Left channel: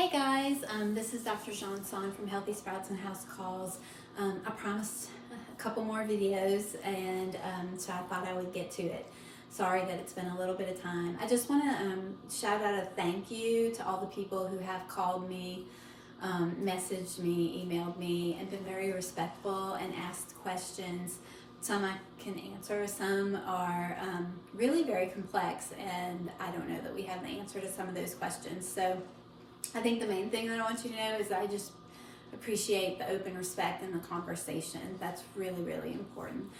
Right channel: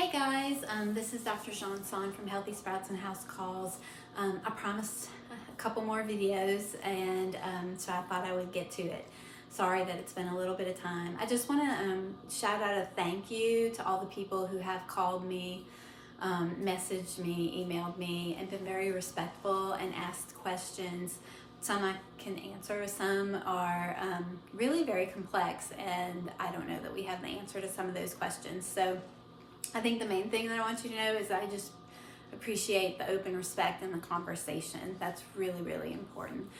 Hey guys, this is Dr. Johnson from Healthy Sprouts and House Calls. I promised a couple more videos, and so I thought I would get to it. Sorry that it's been a little bit of time. I just want to shout out a thank you to all the people who have called me, messaged me, emailed me, and been very respectful and asked questions. Some I can answer, some are really very complex, and I don't know that we have the answer to some of those questions. So I think the main thing that I want you to know is I just appreciate the open respect and the conversation. That's really, really important.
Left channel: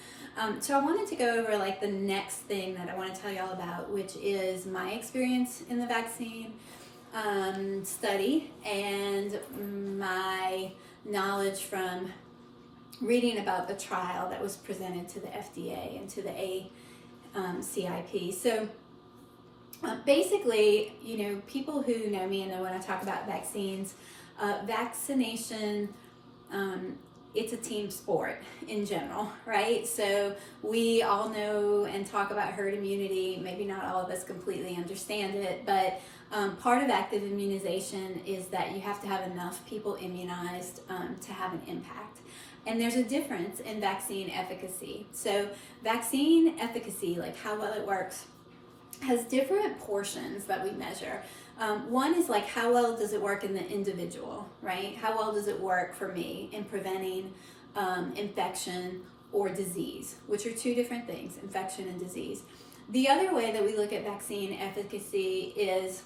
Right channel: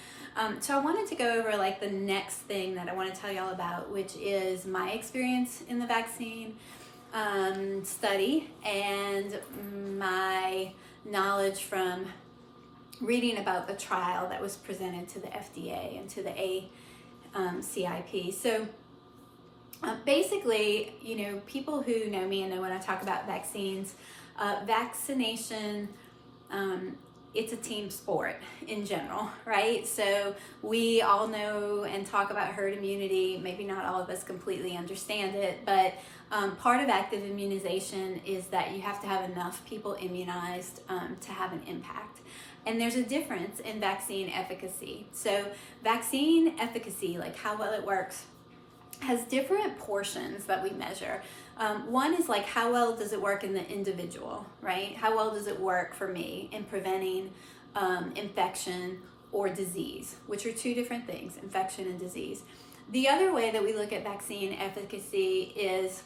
So I wanted to go over like the next thing that I want to tell y'all about, which is my experience in the vaccine study and my knowledge from reading about the trial that was presented to the FDA and to the ACIP. So basically, you know, people who know me and know when I talk about vaccines, vaccination, it's a team sport in general, right? So we all know and talk about herd immunity. Maybe not all of us completely understand it, but part of active immunization is that you have to have enough people immunized to have an impact. And there's a difference in vaccine efficacy. So vaccine efficacy, like how well it works, has different portions that we measure. One is like how well does it work in the individual, right? How well does it work for me in preventing infection or disease, which are two different things, infection and disease. The other way that we look at vaccine efficacy is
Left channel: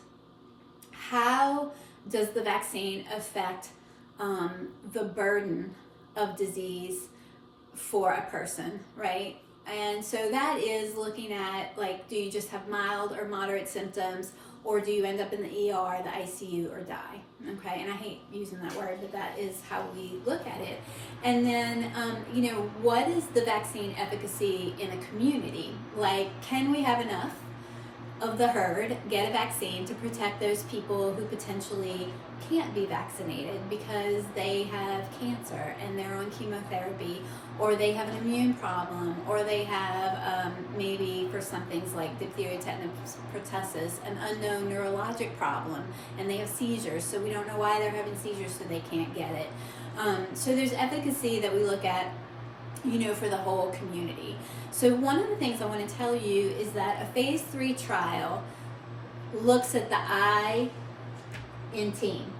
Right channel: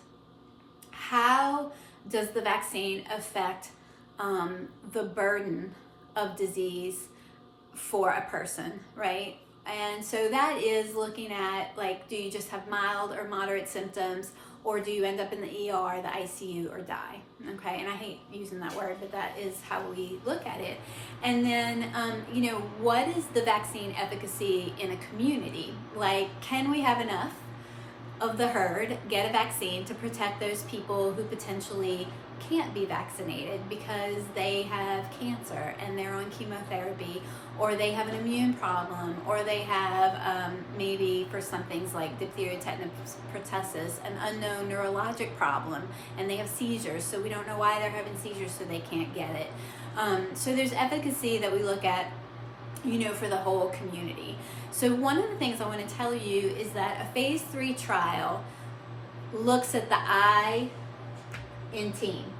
how does the vaccine affect the burden of disease for a person, right? And so that is looking at, like, do you just have mild or moderate symptoms, or do you end up in the ER, the ICU, or die? Okay, and I hate using that word, but that is how we look at it. And then, you know, what is the vaccine efficacy in a community? Like, can we have enough of the herd get a vaccine to protect those people who potentially can't be vaccinated because they have cancer and they're on chemotherapy, or they have an immune problem, or they have maybe for some things like diphtheria, tetanus, pertussis, an unknown neurologic problem, and they have seizures, so we don't know why they're having seizures, so they can't get it. So there's efficacy that we look at, you know, for the whole community. So one of the things I want to tell you is that a phase 3 trial looks at the I in team,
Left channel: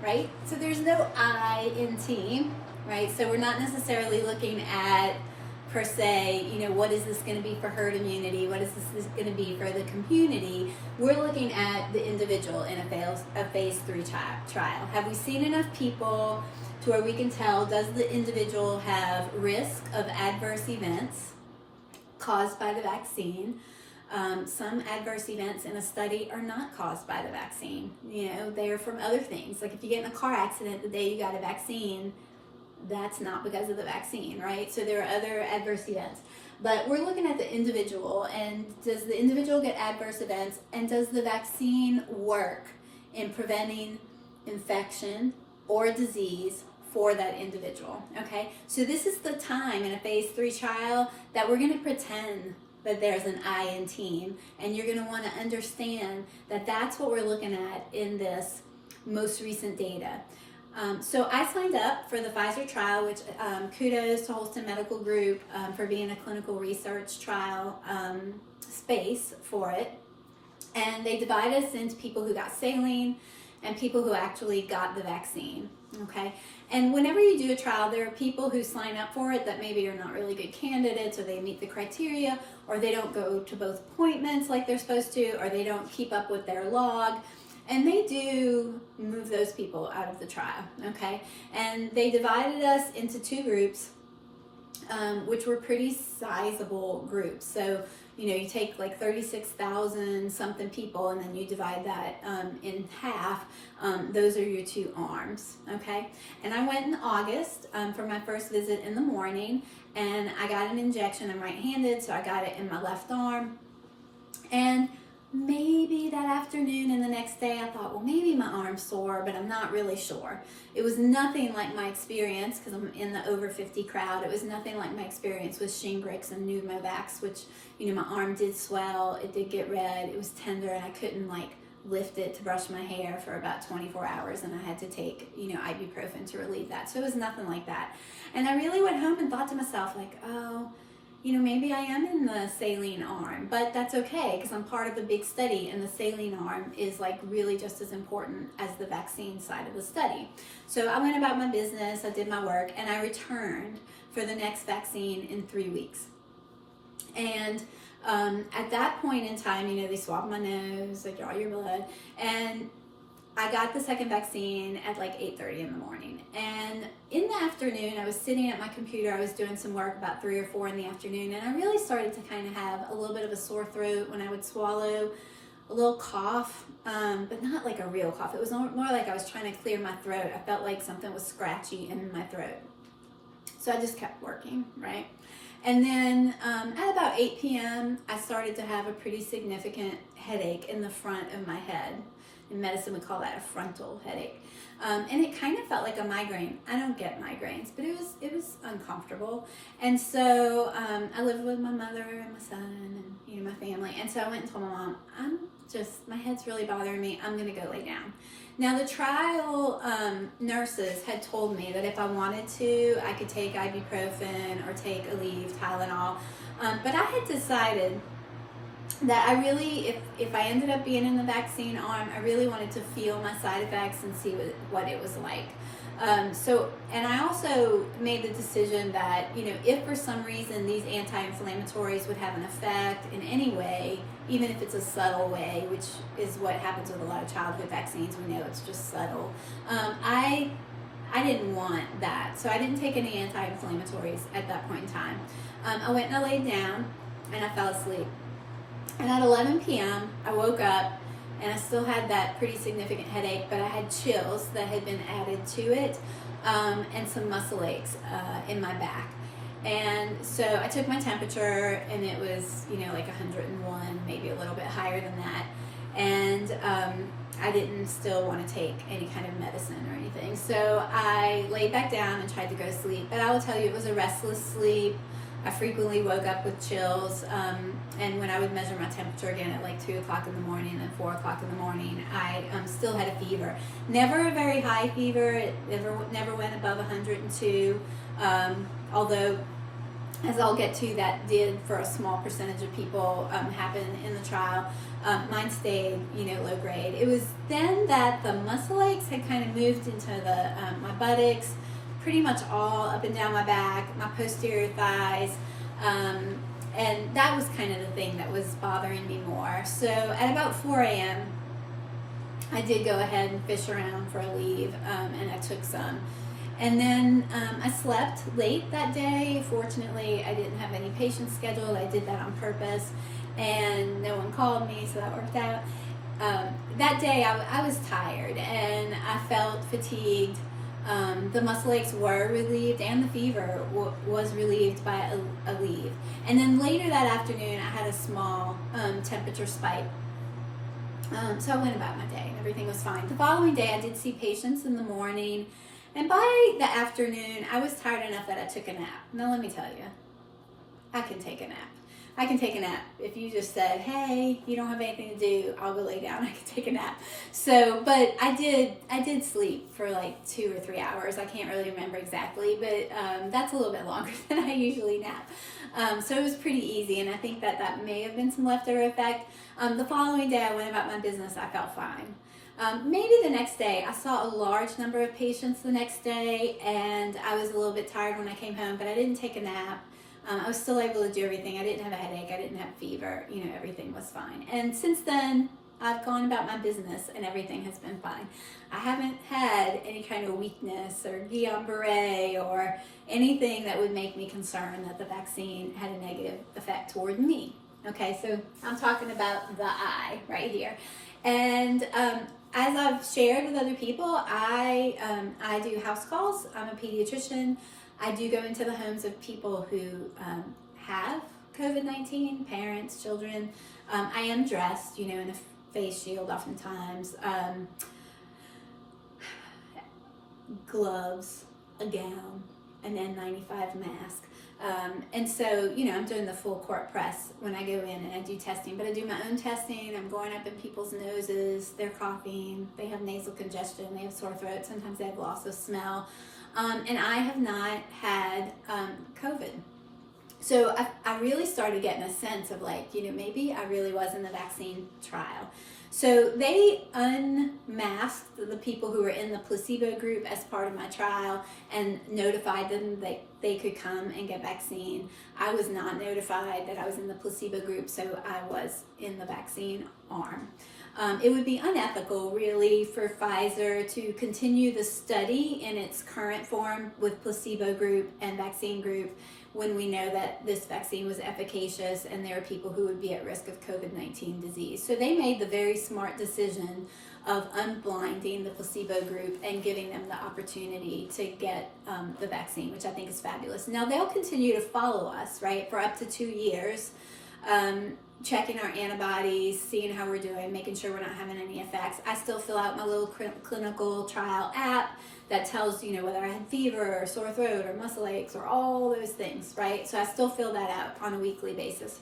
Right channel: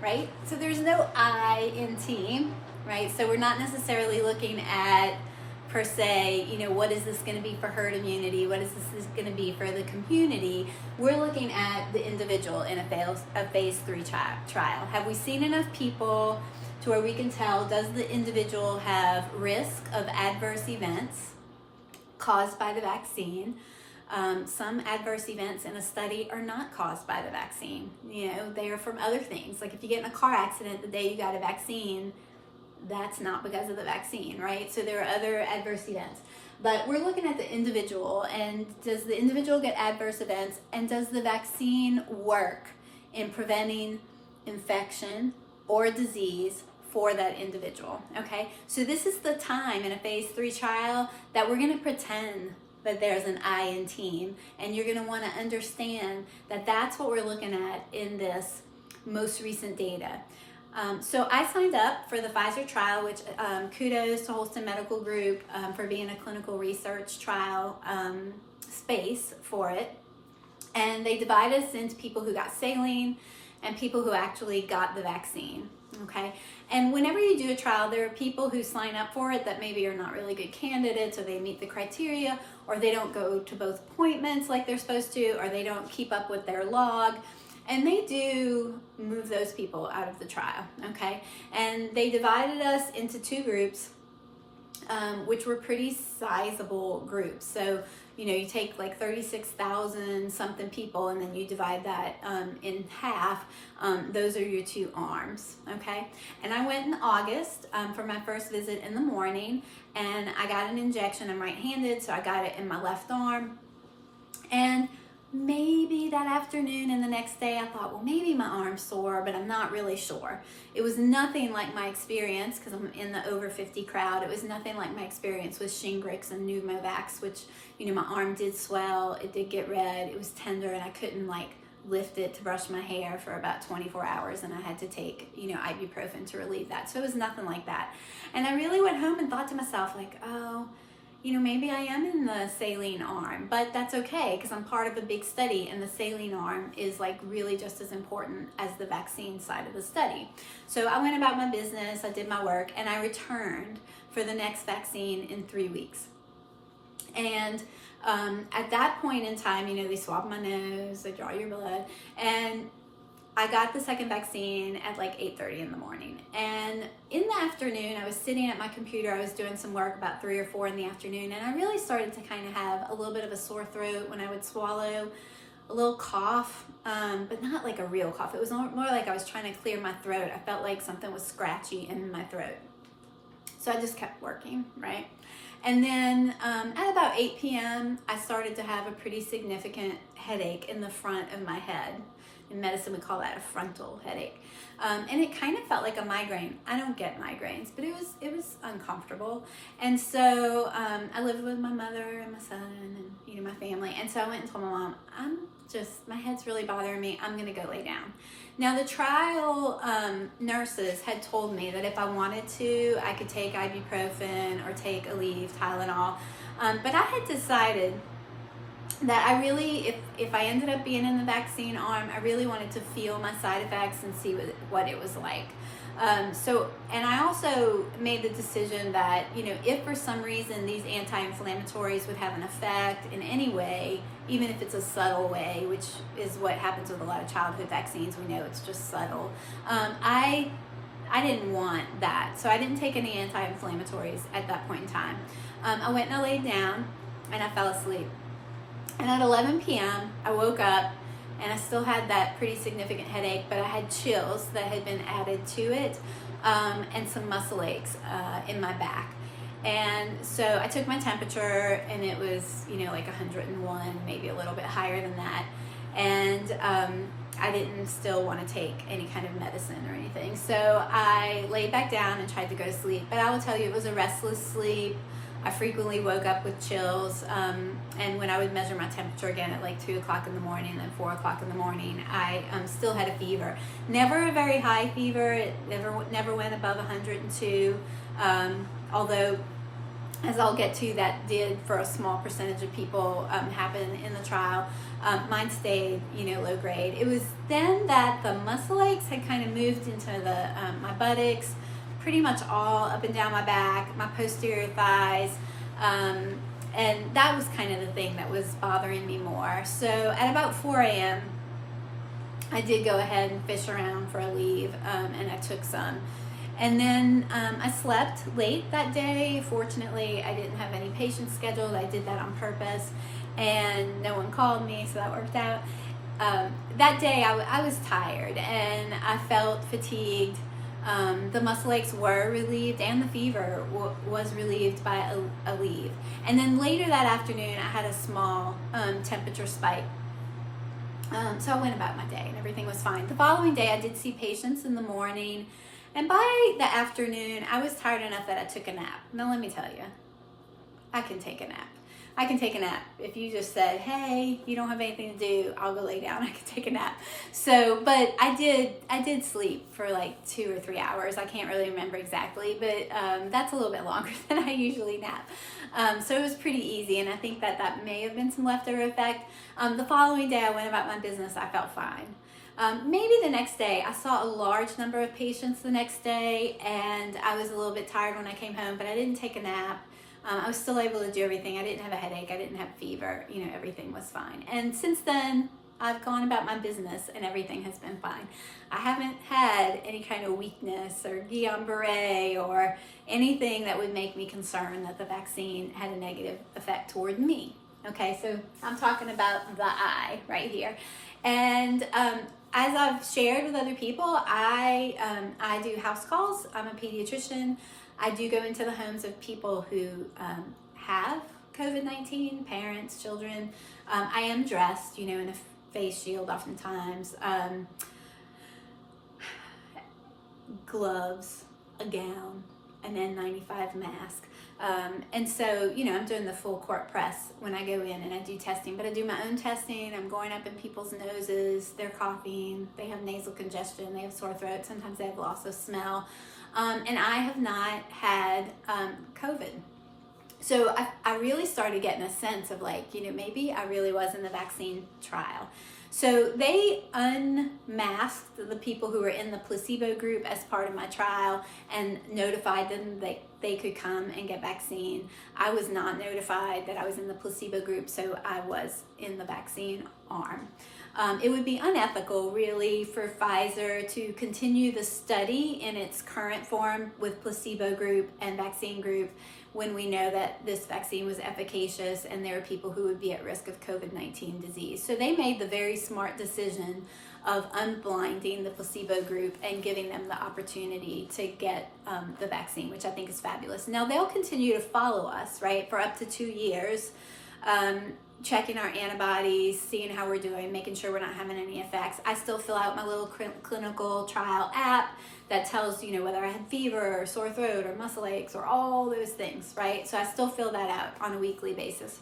right? So there's no I in team, right? So we're not necessarily looking at, per se, you know, what is this going to be for herd immunity? What is this going to be for the community? We're looking at the individual in a phase 3 trial. Have we seen enough people to where we can tell, does the individual have risk of adverse events caused by the vaccine? Some adverse events in a study are not caused by the vaccine. You know, they are from other things. Like if you get in a car accident the day you got a vaccine, that's not because of the vaccine, right? So there are other adverse events. But we're looking at the individual, and does the individual get adverse events, and does the vaccine work in preventing infection or disease for that individual, okay? So this is the time in a phase 3 trial that we're gonna pretend that there's an I in team, and you're gonna wanna understand that that's what we're looking at in this most recent data. So I signed up for the Pfizer trial, which kudos to Holston Medical Group for being a clinical research trial space for it. And they divide us into people who got saline and people who actually got the vaccine, okay? And whenever you do a trial, there are people who sign up for it that maybe are not really good candidates, or they meet the criteria, or they don't go to both appointments like they're supposed to, or they don't keep up with their log. And they do move those people out of the trial, okay? And they divided us into 2 groups, which were pretty sizable groups. So, you know, you take like 36,000 something people, and then you divide that in half. Those are your 2 arms, okay? And I went in August for my first visit in the morning, and I got an injection. I'm right-handed, so I got it in my left arm. And maybe that afternoon and the next day I thought, well, maybe my arm's sore, but I'm not really sure. It was nothing like my experience, because I'm in the over 50 crowd, it was nothing like my experience with Shingrix and Pneumovax, which, you know, my arm did swell, it did get red, it was tender, and I couldn't like lift it to brush my hair for about 24 hours, and I had to take, ibuprofen to relieve that. So it was nothing like that. And I really went home and thought to myself, like, oh, maybe I am in the saline arm, but that's okay because I'm part of a big study, and the saline arm is like really just as important as the vaccine side of the study. So I went about my business, I did my work, and I returned for the next vaccine in 3 weeks. And at that point in time, they swab my nose, they draw your blood, and I got the second vaccine at like 8:30 in the morning. And in the afternoon, I was sitting at my computer, I was doing some work about 3 or 4 in the afternoon, and I really started to kind of have a little bit of a sore throat when I would swallow, a little cough, but not like a real cough. It was more like I was trying to clear my throat. I felt like something was scratchy in my throat. So I just kept working, right? And then at about 8 p.m., I started to have a pretty significant headache in the front of my head. In medicine, we call that a frontal headache. And it kind of felt like a migraine. I don't get migraines, but it was uncomfortable. And so I lived with my mother and my son and, my family. And so I went and told my mom, my head's really bothering me. I'm going to go lay down. Now, the trial nurses had told me that if I wanted to, I could take ibuprofen or take Aleve, Tylenol. But I had decided that I really, if I ended up being in the vaccine arm, I really wanted to feel my side effects and see what it was like. And I also made the decision that, if for some reason these anti-inflammatories would have an effect in any way, even if it's a subtle way, which is what happens with a lot of childhood vaccines, we know it's just subtle, I didn't want that. So I didn't take any anti-inflammatories at that point in time. I went and I laid down and I fell asleep. And at 11 p.m., I woke up and I still had that pretty significant headache, but I had chills that had been added to it, and some muscle aches in my back. And so I took my temperature, and it was, like 101, maybe a little bit higher than that. And I didn't still want to take any kind of medicine or anything. So I laid back down and tried to go to sleep. But I will tell you, it was a restless sleep. I frequently woke up with chills, and when I would measure my temperature again at like 2 o'clock in the morning and 4 o'clock in the morning, I still had a fever. Never a very high fever. It never went above 102, although, as I'll get to, that did for a small percentage of people happen in the trial. Mine stayed, low grade. It was then that the muscle aches had kind of moved into my buttocks, pretty much all up and down my back, my posterior thighs, and that was kind of the thing that was bothering me more. So at about 4 a.m., I did go ahead and fish around for Aleve, and I took some. And then I slept late that day. Fortunately, I didn't have any patients scheduled. I did that on purpose, and no one called me, so that worked out. That day, I was tired, and I felt fatigued. The muscle aches were relieved, and the fever was relieved by Aleve. And then later that afternoon, I had a small temperature spike. So I went about my day, and everything was fine. The following day, I did see patients in the morning, and by the afternoon, I was tired enough that I took a nap. Now, let me tell you, I can take a nap. I can take a nap. If you just said, hey, you don't have anything to do, I'll go lay down, I can take a nap. So, but I did sleep for like 2 or 3 hours. I can't really remember exactly, but that's a little bit longer than I usually nap. So it was pretty easy, and I think that may have been some leftover effect. The following day, I went about my business. I felt fine. Maybe the next day, I saw a large number of patients the next day, and I was a little bit tired when I came home, but I didn't take a nap. I was still able to do everything. I didn't have a headache. I didn't have fever. Everything was fine. And since then, I've gone about my business and everything has been fine. I haven't had any kind of weakness or Guillain-Barré or anything that would make me concerned that the vaccine had a negative effect toward me. Okay, so I'm talking about the eye right here. And as I've shared with other people, I do house calls. I'm a pediatrician. I do go into the homes of people who have COVID-19, parents, children. I am dressed, in a face shield oftentimes, gloves, a gown, an N95 mask. And so, you know, I'm doing the full court press when I go in and I do testing, but I do my own testing. I'm going up in people's noses, they're coughing, they have nasal congestion, they have sore throat, sometimes they have loss of smell. And I have not had COVID. So I really started getting a sense of like, you know, maybe I really was in the vaccine trial. So they unmasked the people who were in the placebo group as part of my trial and notified them that they could come and get vaccine. I was not notified that I was in the placebo group, so I was in the vaccine arm. It would be unethical, really, for Pfizer to continue the study in its current form with placebo group and vaccine group when we know that this vaccine was efficacious and there are people who would be at risk of COVID-19 disease. So they made the very smart decision of unblinding the placebo group and giving them the opportunity to get the vaccine, which I think is fabulous. Now they'll continue to follow us, right, for up to 2 years, checking our antibodies, seeing how we're doing, making sure we're not having any effects. I still fill out my little clinical trial app that tells, you know, whether I had fever or sore throat or muscle aches or all those things, right? So I still fill that out on a weekly basis.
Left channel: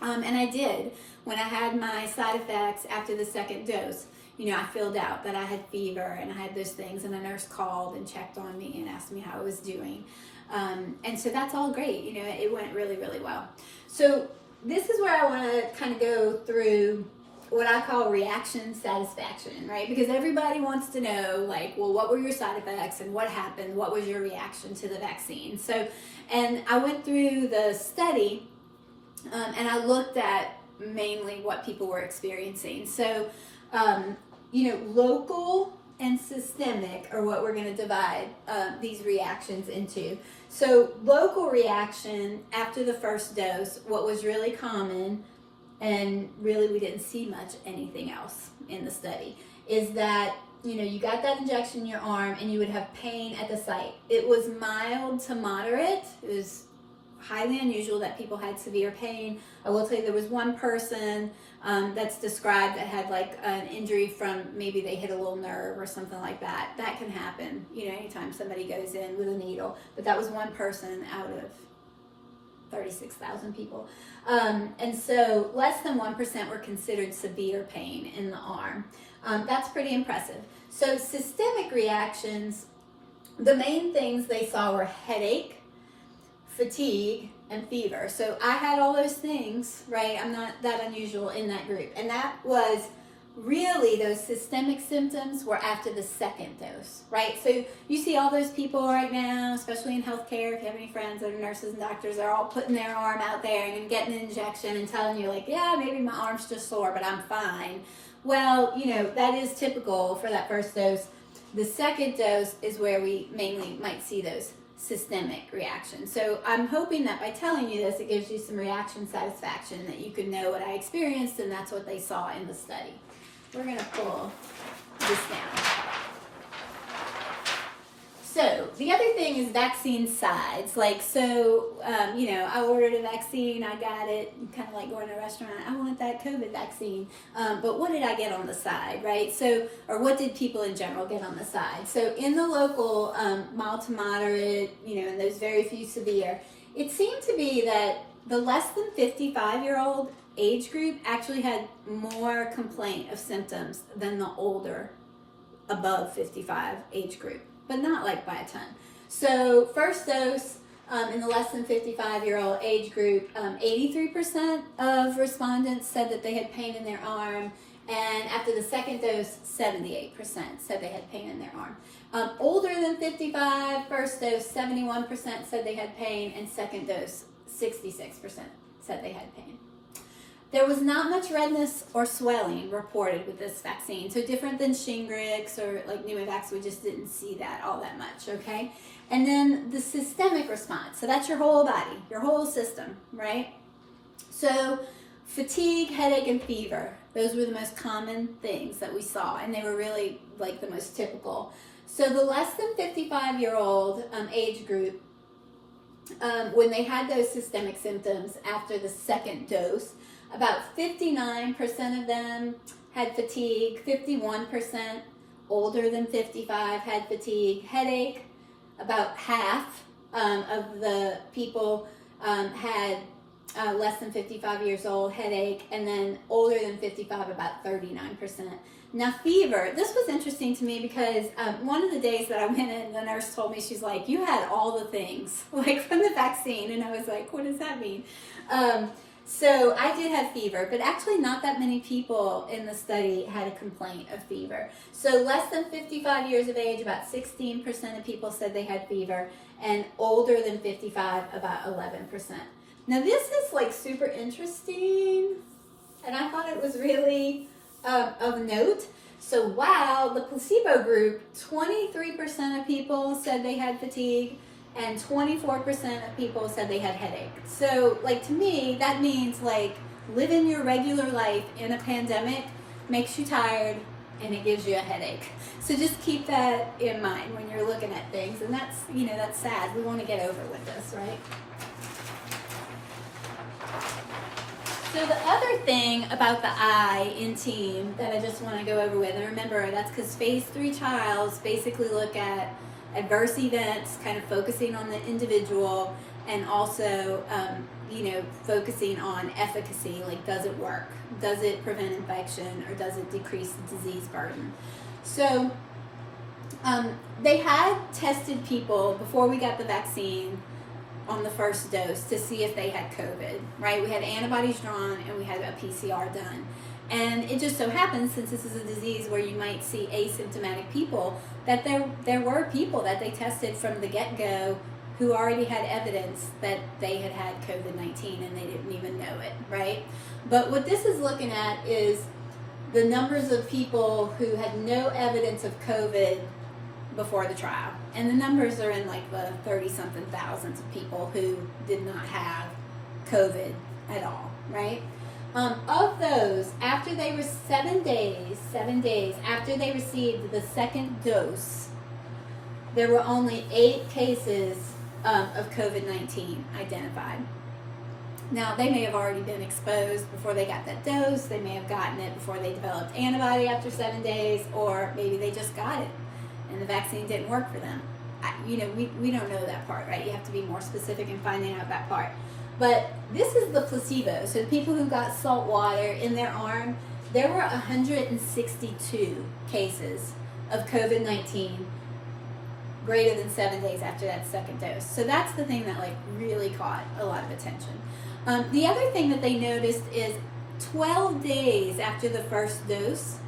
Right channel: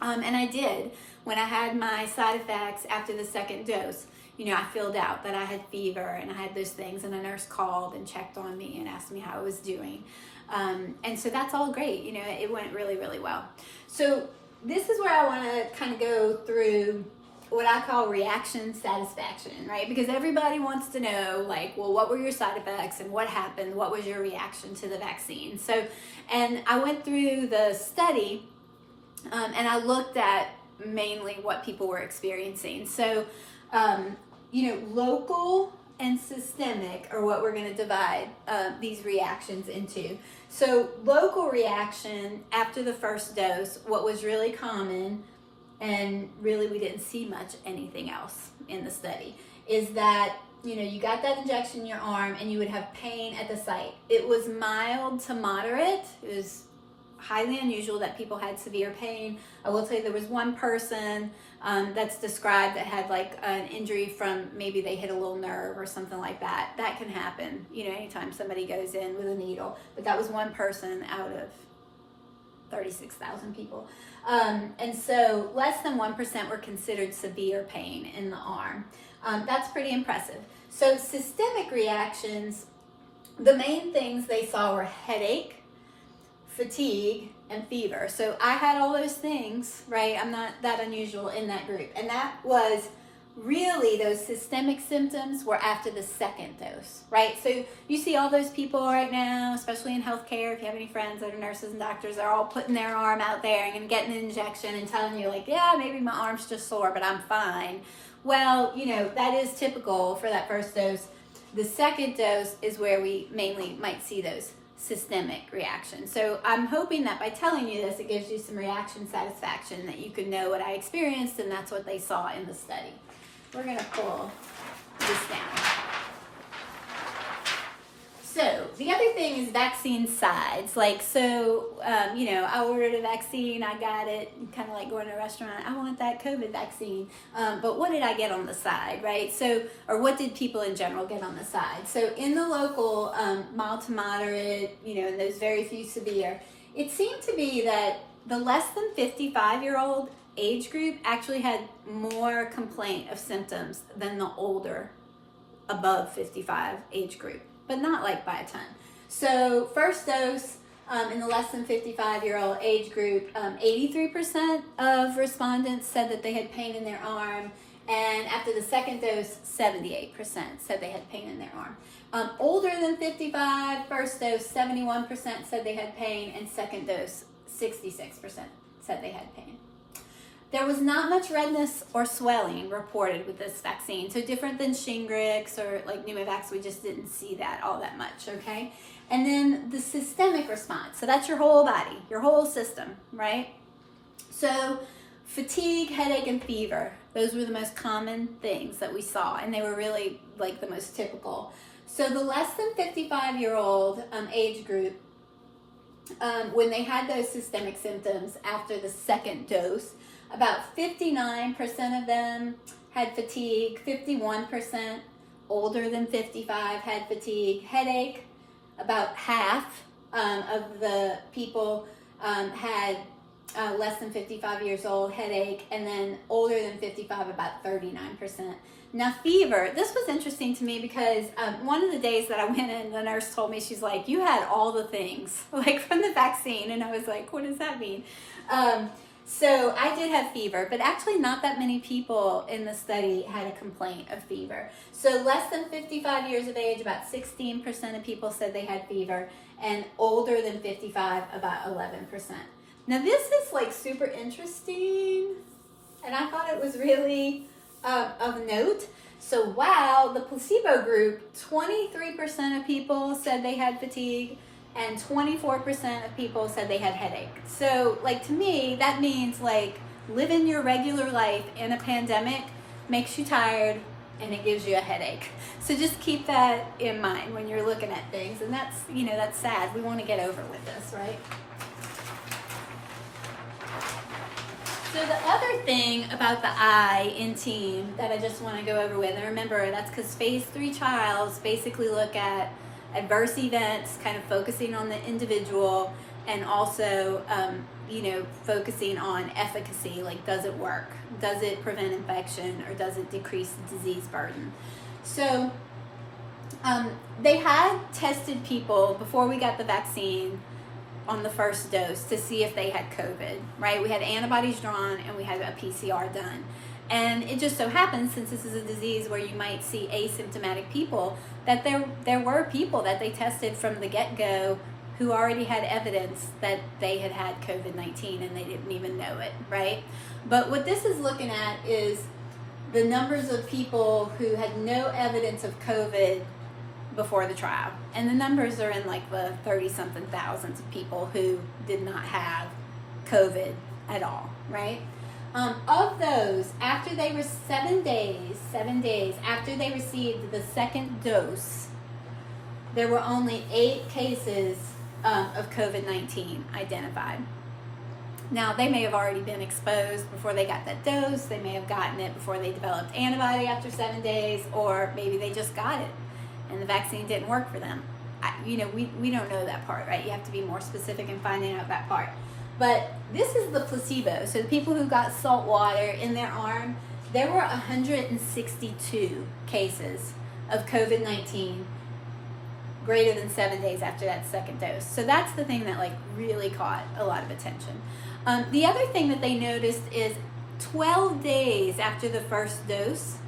And I did when I had my side effects after the second dose. You know, I filled out that I had fever and I had those things, and a nurse called and checked on me and asked me how I was doing. And so that's all great. You know, it went really, really well. So this is where I want to kind of go through what I call reaction satisfaction, right? Because everybody wants to know, like, well, what were your side effects and what happened? What was your reaction to the vaccine? So, and I went through the study and I looked at mainly what people were experiencing. So, you know, local and systemic are what we're going to divide these reactions into. So local reaction after the first dose, what was really common, and really we didn't see much anything else in the study, is that, you know, you got that injection in your arm and you would have pain at the site. It was mild to moderate. It was highly unusual that people had severe pain. I will tell you there was one person that's described that had like an injury from maybe they hit a little nerve or something like that. That can happen, you know, anytime somebody goes in with a needle. But that was one person out of 36,000 people. And so less than 1% were considered severe pain in the arm. That's pretty impressive. So systemic reactions, the main things they saw were headache, fatigue, and fever. So I had all those things, right? I'm not that unusual in that group. And that was really, those systemic symptoms were after the second dose, right? So you see all those people right now, especially in healthcare, if you have any friends that are nurses and doctors, they're all putting their arm out there and getting an injection and telling you like, yeah, maybe my arm's just sore, but I'm fine. Well, you know, that is typical for that first dose. The second dose is where we mainly might see those systemic reactions. So I'm hoping that by telling you this, it gives you some reaction satisfaction, that you can know what I experienced, and that's what they saw in the study. We're going to pull this down. So the other thing is vaccine sides. Like, so, you know, I ordered a vaccine, I got it, kind of like going to a restaurant, I want that COVID vaccine. But what did I get on the side, right? So, or what did people in general get on the side? So in the local mild to moderate, you know, and those very few severe, it seemed to be that the less than 55-year-old age group actually had more complaint of symptoms than the older above 55 age group, but not like by a ton. So first dose in the less than 55-year-old age group, 83% of respondents said that they had pain in their arm, and after the second dose, 78% said they had pain in their arm. Older than 55, first dose, 71% said they had pain, and second dose, 66% said they had pain. There was not much redness or swelling reported with this vaccine. So different than Shingrix or like Pneumovax, we just didn't see that all that much, okay? And then the systemic response. So that's your whole body, your whole system, right? So fatigue, headache, and fever. Those were the most common things that we saw, and they were really like the most typical. So the less than 55-year-old age group, when they had those systemic symptoms after the second dose, about 59% of them had fatigue, 51% older than 55 had fatigue, headache, about half of the people had less than 55 years old, headache, and then older than 55, about 39%. Now, fever, this was interesting to me because one of the days that I went in, the nurse told me, she's like, you had all the things, like from the vaccine. And I was like, what does that mean? So I did have fever, but actually not that many people in the study had a complaint of fever. So less than 55 years of age, about 16% of people said they had fever, and older than 55, about 11%. Now this is like super interesting, and I thought it was really of note. So wow, the placebo group, 23% of people said they had fatigue, and 24% of people said they had headache. So like, to me, that means like living your regular life in a pandemic makes you tired and it gives you a headache. So just keep that in mind when you're looking at things. And that's, you know, that's sad. We want to get over with this, right? So the other thing about the I in team that I just want to go over with, and remember, that's because phase 3 trials basically look at adverse events, kind of focusing on the individual, and also, you know, focusing on efficacy, like does it work? Does it prevent infection, or does it decrease the disease burden? So they had tested people before we got the vaccine on the first dose to see if they had COVID, right? We had antibodies drawn and we had a PCR done. And it just so happens, since this is a disease where you might see asymptomatic people, that there were people that they tested from the get-go who already had evidence that they had had COVID-19 and they didn't even know it, right? But what this is looking at is the numbers of people who had no evidence of COVID before the trial. And the numbers are in like the 30-something thousands of people who did not have COVID at all, right? Of those, after they were 7 days after they received the second dose, there were only 8 cases of COVID-19 identified. Now, they may have already been exposed before they got that dose. They may have gotten it before they developed antibody after 7 days, or maybe they just got it and the vaccine didn't work for them. We don't know that part, right? You have to be more specific in finding out that part. But this is the placebo. So the people who got salt water in their arm, there were 162 cases of COVID-19 greater than 7 days after that second dose. So that's the thing that like really caught a lot of attention. The other thing that they noticed is 12 days after the first dose,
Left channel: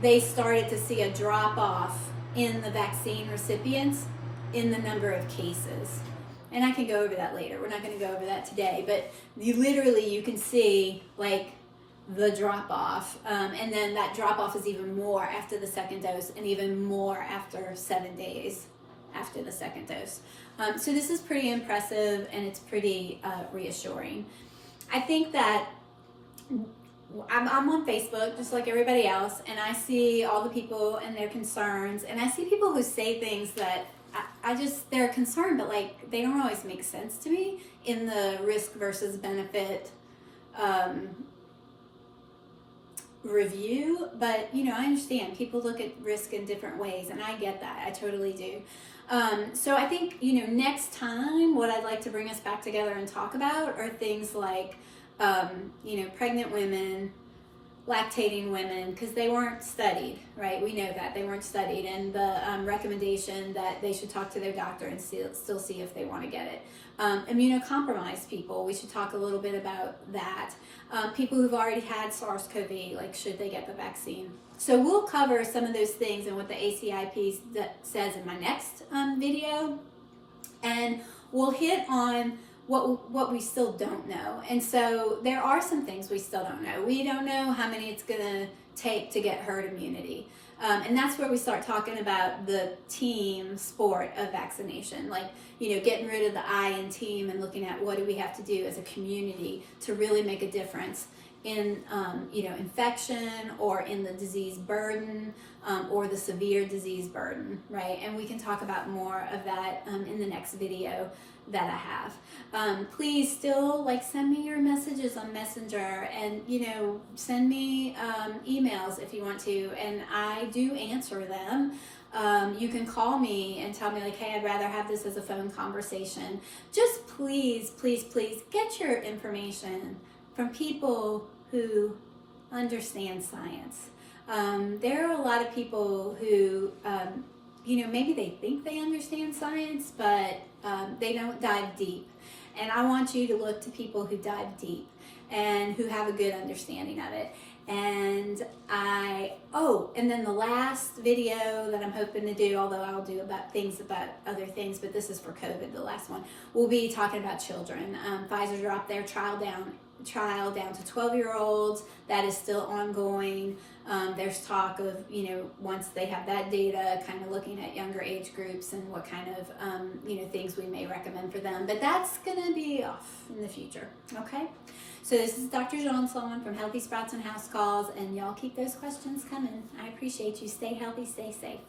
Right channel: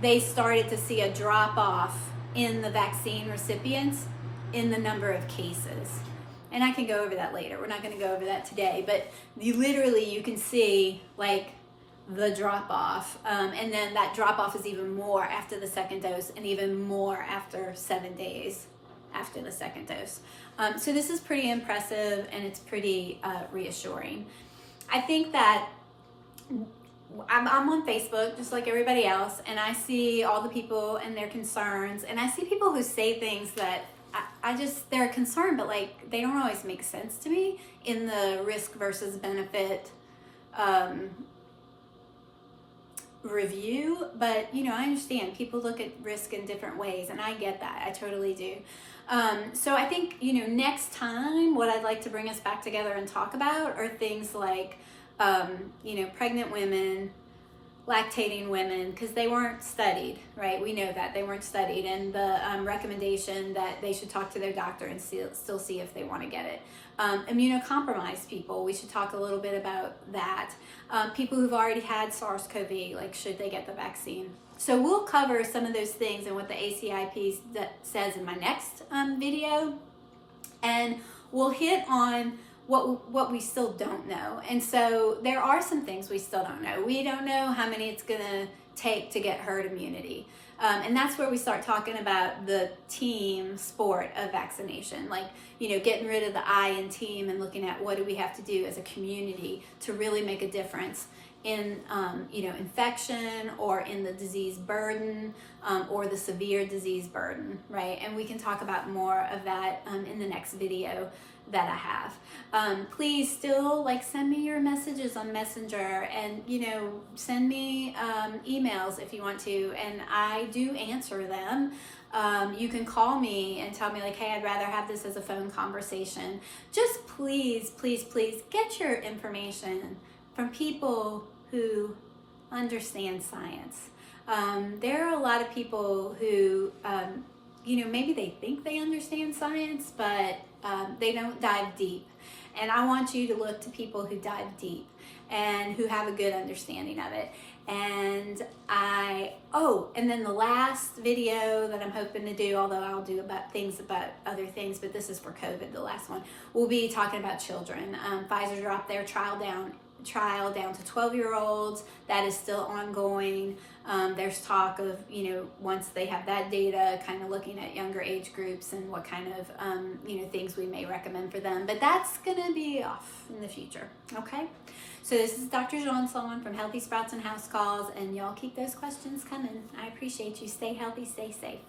they started to see a drop off in the vaccine recipients in the number of cases. And I can go over that later. We're not going to go over that today, but you can see like the drop off. And then that drop off is even more after the second dose, and even more after 7 days after the second dose. So this is pretty impressive, and it's pretty reassuring. I think that I'm on Facebook just like everybody else, and I see all the people and their concerns, and I see people who say things that they're concerned, but like they don't always make sense to me in the risk versus benefit review. But I understand people look at risk in different ways, and I get that. I totally do. So I think next time what I'd like to bring us back together and talk about are things like pregnant women, lactating women, because they weren't studied, right? We know that they weren't studied, and the recommendation that they should talk to their doctor and still see if they want to get it. Immunocompromised people, we should talk a little bit about that. People who've already had SARS-CoV, like should they get the vaccine? So we'll cover some of those things and what the ACIP says in my next video, and we'll hit on what we still don't know. And so there are some things we still don't know. We don't know how many it's going to take to get herd immunity. And that's where we start talking about the team sport of vaccination, like, getting rid of the I in team and looking at what do we have to do as a community to really make a difference in, infection, or in the disease burden, or the severe disease burden, right? And we can talk about more of that in the next video that I have. Please still send me your messages on Messenger, and send me emails if you want to, and I do answer them. You can call me and tell me like, hey, I'd rather have this as a phone conversation. Just please, please, please get your information from people who understand science. There are a lot of people who, maybe they think they understand science, but they don't dive deep. And I want you to look to people who dive deep and who have a good understanding of it. And and then the last video that I'm hoping to do, although I'll do about other things, but this is for COVID, the last one, we'll be talking about children. Pfizer dropped their trial down to 12-year-olds. That is still ongoing. There's talk of, once they have that data, kind of looking at younger age groups and what kind of, things we may recommend for them. But that's going to be off in the future, okay? So this is Dr. Johnson from Healthy Sprouts and House Calls, and y'all keep those questions coming. I appreciate you. Stay healthy, stay safe.